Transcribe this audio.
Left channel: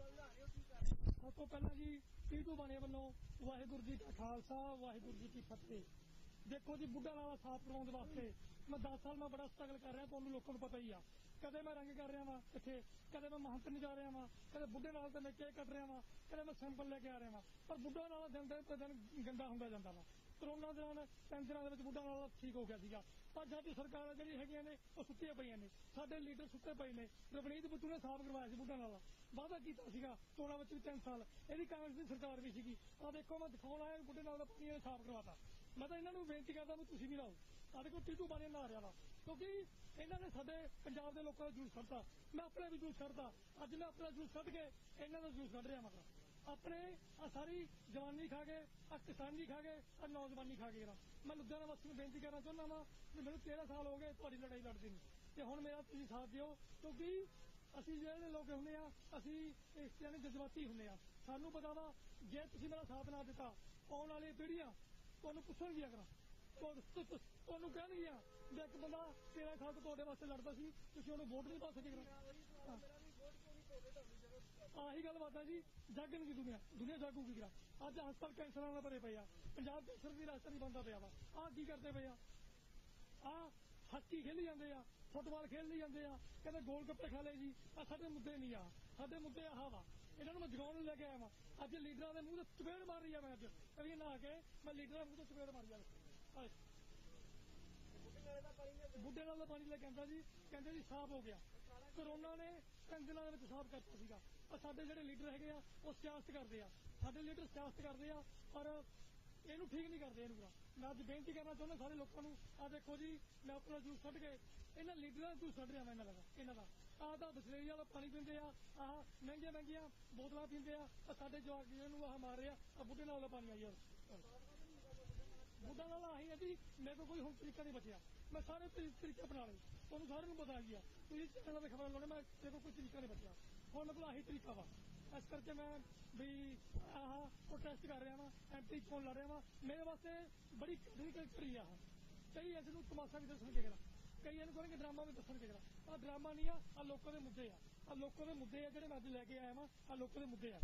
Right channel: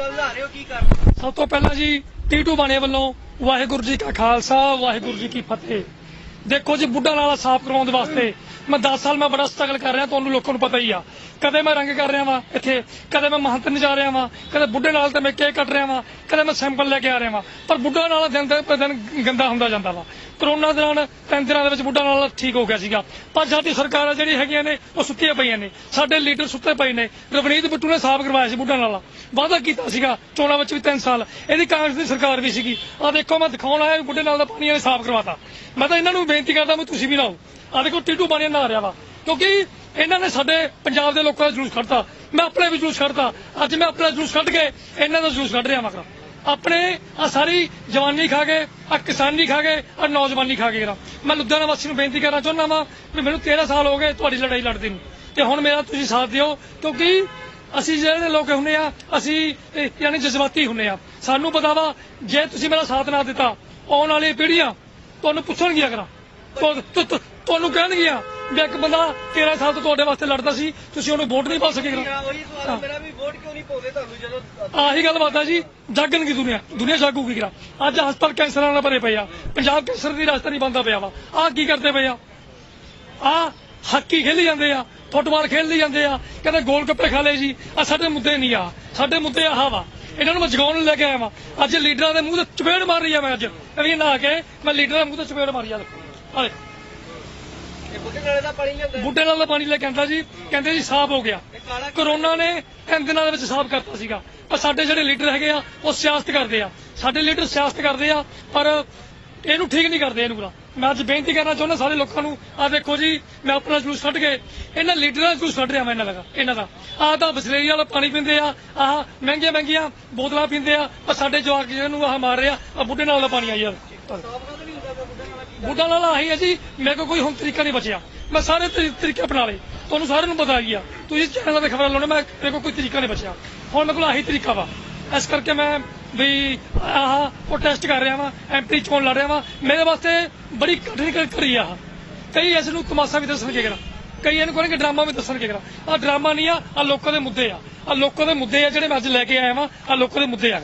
ਸਮਝਾ ਰਹੇ ਹੋ, ਕੀ ਕਰ ਸਭ ਤੋਂ ਪਹਿਲਾਂ ਜੀ ਟੀਟੂ ਬਾਣੇ ਵੱਲੋਂ ਵਾਹਿਗੁਰੂ ਜੀ ਕਾ ਖਾਲਸਾ, ਵਾਹਿਗੁਰੂ ਜੀ ਕੀ ਫਤਿਹ। ਦੇਖੋ ਜੀ, ਬੁੱਢਾ ਨਾਲਾ ਸਾਫ਼ ਕਰਾਉਣ ਦੇ ਵਾਸਤੇ। ਮੈਂ 10 ਸਾਲ ਮੈਂ ਬੜਾ ਸਟਰਗਲ ਕਰ ਰਿਹਾ, ਤੁਹਾਨੂੰ ਲੋਕਾਂ ਨੂੰ ਪਤਾ ਹੀ ਆ। ਕਦੇ ਮੈਂ ਰੰਗ ਕਰ ਰਿਹਾ ਵਾਂ ਇੱਥੇ, ਕਦੇ ਮੈਂ ਮਹੰਤ ਨਹੀਂ ਜਾ ਰਿਹਾ ਵਾਂ, ਕਦੇ ਬੁੱਢੇ ਨਾਲ ਤੇ ਮੈਂ ਕੇਕ ਕੱਟ ਰਿਹਾ ਵਾਂ, ਕਦੇ ਮੈਂ ਸੈਂਪਲ ਲੈ ਕੇ ਆ ਰਿਹਾ ਵਾਂ। ਪਰ ਬੁੱਢਾ ਨਾਲਾ ਦਿਨ ਤੇ ਦਿਨ ਗੰਦਾ ਹੁੰਦਾ ਜਾਂਦਾ ਵਾ। ਕਰੋਨਾ ਦੌਰਾਨ ਤਿੰਨ ਦਿਨਾਂ ਦੇ ਵਿੱਚ ਬੁੱਢਾ ਨਾਲਾ ਠੀਕ ਹੋ ਗਿਆ ਸੀਗਾ। ਪਰ ਸਾਡੀ ਸਰਕਾਰਾਂ ਜਿਹੜੀ ਹੈਗੀਆਂ ਨੇ, ਉਹ ਸੁੱਤੀਆਂ ਪਈਆਂ ਨੇ। ਸਾਡੇ ਲੀਡਰ ਸੁੱਤੇ ਪਏ ਨੇ। ਰਵਨੀਤ ਬਿੱਟੂ ਨੇ ਸਾਫ਼ ਕਰਵਾਇਆ ਸੀ ਬੁੱਢਾ ਨਾਲਾ ਵਾਅਦਾ ਕੀਤਾ ਸੀਗਾ ਚੋਣਾਂ ਵਿੱਚ ਵੀ 3 ਸਾਲ। ਇਹਦੀ ਕਾਂਗਰਸ ਦੀ ਸਰਕਾਰ ਵੀ ਸੀਗੀ। ਆ ਦੇਖੋ, ਮੈਂ ਦਿਖਾਉਣ ਆਇਆ ਵੀ ਬੁੱਢੇ ਨਾਲ ਦਾ ਪਾਣੀ ਇਹਨੇ ਸਾਫ਼ ਕਰਵਾਤਾ। ਮੈਂ ਤਾਂ ਇਹਨਾਂ ਨੂੰ ਬੇਨਤੀ ਕਰਦਾ ਵੀ ਤੁਸੀਂ ਵੀ ਲਾਓ। ਆ ਦੇਖੋ ਟੀਟੂ ਬਾਣੀ ਨਹਾ ਰਿਹਾ ਵਾ। ਕਿਉਂਕਿ ਇਹਨਾਂ ਨੇ ਸਾਡੇ ਪੰਜਾਬ ਦੇ ਲੋਕਾਂ ਦਾ ਜਲੂਸ ਕੱਢਤਾ। ਮੈਂ ਆਪਣੇ ਵੀ ਜਲੂਸ ਕੱਢਤਾ। ਅੱਜ ਮੈਂ ਆਪਣਾ ਜਲੂਸ ਕੱਢ ਕੇ ਇਹਨਾਂ ਦਾ ਜਲੂਸ ਕੱਢ ਰਿਹਾ ਮਗਰ ਆਪਣੇ ਆ ਸਾਰੀ ਜਵਾਨੀ ਖਾ ਗਏ ਆ ਕਿਸਾਨੀ ਖਾ ਗਏ ਆ ਨੌਜਵਾਨੀ ਖਾ ਗਏ ਮੈਂ ਲੁਧਿਆਣਾ ਵਾਸੀ ਨੂੰ ਬੇਨਤੀ ਕਰਨਾ ਚਾਹੁੰਦਾ ਵਾਂ ਵੀ ਮੈਨੂੰ 13 ਸਾਲ ਹੋ ਗਏ ਤੁਹਾਡੀ ਲੜਾਈ ਲੜਦੇ ਨੂੰ। ਤੇ ਹੁਣ ਮੇਰਾ ਤੁਸੀਂ ਸਾਥ ਦਿਓ, ਕਿਉਂਕਿ ਅਸੀਂ ਜਿਹੜੇ ਲੋਕ ਹੁੰਨੇ ਆ, ਅਸੀਂ ਯਾਨੀ ਜਜ਼ਬਾਤੀ ਹੁੰਨੇ ਆ। ਸਾਨੂੰ ਪਤਾ ਵਾ, ਜੇ ਤੁਸੀਂ ਮੇਰਾ ਸਾਥ ਨਾ ਦਿੱਤਾ, ਆਉਣ ਵਾਲੀ ਪੀੜ੍ਹੀਆਂ ਤੁਹਾਨੂੰ ਪੁੱਛਣਗੀਆਂ ਕਰਾਂ। ਤੁ- ਤੁ- ਤੁ- ਤੁਹਾਨੂੰ ਕਹਿਣਗੀਆਂ ਵੀ ਇੱਕ ਬੰਦਾ 13 ਸਾਲ ਤੋਂ ਤੁਹਾਡੇ ਵਾਸਤੇ ਲੜਦਾ ਸੀ ਤੁਸੀਂ ਉਹਨੂੰ ਵੋਟ ਨਹੀਂ ਪਾ ਸਕੇ ਉਹੀ ਸਵਾਲ ਹੈ। ਮੇਰਾ ਵੀ ਵੋਟ ਕਿਉਂ ਨਹੀਂ ਪਾਉਂਦੇ ਤੁਹਾਨੂੰ ਜਦੋਂ ਆਹੀ ਗੱਲ ਬਾਤ ਆ ਜੀ ਜਾਗਣਗੀ ਦੁਨੀਆ ਦੁਨੀਆ ਜਾਗੂਗੀ ਕਿਰਾ ਅੱਜ ਹਸਪਤਾਲ ਕੈਂਸਰਾਂ ਨਾਲ ਭਰੇ ਪਏ ਆ ਪੰਜਾਬ ਕੈਂਸਰ ਦੀ ਰਾਜਧਾਨੀ ਬੰਦਾ ਪਿਆ ਵਾ। ਆਹ ਕੀ ਕਰਦੇ ਪਏ ਆ? ਆ ਹਾਕੀ ਖੇਲੀ ਜਾਂਦੇ ਆ ਫੁੱਟਬਾਲ ਖੇਲੀ ਜਾਂਦੇ ਆ ਕਹਿੰਦੇ ਗੋਲ ਗੱਪੇ ਖਾ ਲਏ ਜੀ ਆ ਸਾਡੇ ਮੁੱਦੇ ਨਹੀਂ ਆ ਸਾਡੇ ਮੁੱਦੇ ਆਹ ਵਾ। ਇਹਨਾਂ ਨੂੰ ਮੈਂ ਜਗਾਉਣ ਨੂੰ ਲੈ ਕੇ ਆਇਆ ਵਾਂ। ਅੱਜ ਲੀਡਰਾਂ ਦੇ ਮੂੰਹ ਤੇ ਚਪੇੜ ਮਾਰ ਰਹੀ ਆ ਮੈਂ ਅੱਜ। ਇਹ ਨਾ ਕੇ ਮੈਂ ਲੀਡਰਾਂ ਦੇ ਮੂੰਹ ਤੇ ਚਪੇੜ ਮਾਰੀ ਆ ਦੇਖੋ। ਆ ਇਹ ਬੁੱਢੇ ਨਾਲੇ ਦਾ ਪਾਣੀ ਲਿਆਂਦਾ ਬੁੱਢੇ ਨਾਲ ਦਾ ਪਾਣੀ ਲੈ ਕੇ ਆਂਦਾ ਜੀ, ਕਹਿੰਦੇ ਜੀ ਸਾਫ਼ ਹੋ ਗਿਆ। ਕਰੋਨਾ ਨੇ ਤਿੰਨ ਦਿਨਾਂ ਦੇ ਵਿੱਚ ਸਾਫ਼ ਕਰਤਾ ਸੀਗਾ। ਪਰ ਸਾਡੇ ਜਿਹੜੇ ਲੀਡਰ ਹੈਗੇ ਆ, ਉਹ ਸਿਆਸਤ ਕਰਦੇ ਆ। ਸਾਡੇ ਲੀਡਰ ਸਿਆਸਤ ਕਰਦੇ ਆ, ਪਰ ਇਹਨੂੰ ਠੀਕ ਨਹੀਂ ਕਰਦੇ ਇਹਨੂੰ ਪੂਰਾ ਮੈਂ ਅੱਜ ਬੇਨਤੀ ਕਰਨਾ ਚਾਹੁੰਦਾ ਸਾਰੇ ਲੋਕਾਂ ਨੂੰ ਆ ਦੇਖੋ ਜੀ, ਮੈਂ ਆਪਣਾ ਜਲੂਸ ਛੱਡ ਕੇ ਇਹਨਾਂ ਲੀਡਰਾਂ ਦਾ ਜਲੂਸ ਕੱਢ ਰਿਹਾ ਮੈਂ ਇਹਨਾਂ ਦਾ ਇਹਨਾਂ ਦਾ। ਆਹ ਤਾਂ ਬਸਲੇਰੀ ਵਾਲਾ ਪਾਣੀ ਪੀਂਦੇ ਆ, ਆਹ ਮਹਿੰਗੀਆਂ ਮਹਿੰਗੀਆਂ ਬੋਤਲਾਂ ਪੀਂਦੇ ਆ, ਪਰ ਸਾਡੇ ਜਵਾਕ ਨੂੰ ਆਹ ਮਾਰ ਰਿਹਾ ਆ ਬੁੱਢੇ ਨਾਲ ਦਾ ਪਾਣੀ ਆ ਯਾਰ ਸਾਫ਼ ਕਦੋਂ ਨਹੀਂ ਹੁੰਦਾ ਪਿਆ ਬੁੱਢੇ ਬੁੱਢਾ ਨਾਲ ਆਹੀ ਹੈ ਜੀ, ਮੇਰੇ ਕੋਲ ਕੋਈ ਹੁਣ ਤਰੀਕਾ ਨਹੀਂ ਬਚਿਆ। ਮੈਂ ਸਾਰੇ ਤਰੀ- ਤਰੀਕੇ ਅਪਣਾ ਲਏ। ਤੁਹਾਨੂੰ ਸਾਰਿਆਂ ਨੂੰ ਪਤਾ ਹੀ ਆ। ਤੁਸੀਂ ਚੈਨਲ ਤੇ ਖਬਰਾਂ ਲਾਉਣੇ ਮੈਂ ਮੇਰੇ ਕੋਲ ਕੋਈ ਤਰੀਕਾ ਨਹੀਂ ਬਚਿਆ। ਹੁਣ ਮੇਰੇ ਕੋਲ ਆਹੀ ਤਰੀਕਾ ਵਾ। ਇਸ ਕਰਕੇ ਮੈਂ ਵੀ ਆਹ ਉਹ ਟੈਸਟ ਕਰ ਰਿਹਾ ਵਾਂ ਐਮਪੀ ਚੋਣ ਲੜ ਰਿਹਾ ਵਾਂ। ਮੇਰੇ ਵਾਸਤੇ ਬੜੀ ਕਠਿਨ ਕ- ਕਰੀ ਆ। ਕਈ ਇਸ ਨੂੰ ਤਮਾਸ਼ਾ ਵੀ ਦੱਸਣਗੇ ਕਿਹੜਾ। ਕਈ ਇਹਨੂੰ ਕਹਿੰਦੇ ਡਰਾਮਾ ਵੀ ਦੱਸਣਗੇ ਕਿਹੜਾ। ਆ ਡਰਾਮਾ ਨਹੀਂ ਆ ਆ ਲੋਕਾਂ ਦੇ ਮੁੱਦੇ ਆ। ਆ ਲੋਕਾਂ ਦੇ ਮੁੱਦੇ ਆ ਜਿਹੜੇ ਮੈਂ ਅੱਜ ਲੈ ਕੇ ਆਇਆ ਵਾਂ ਆ ਲੋਕਾਂ ਦੇ ਮੁੱਦੇ ਆ।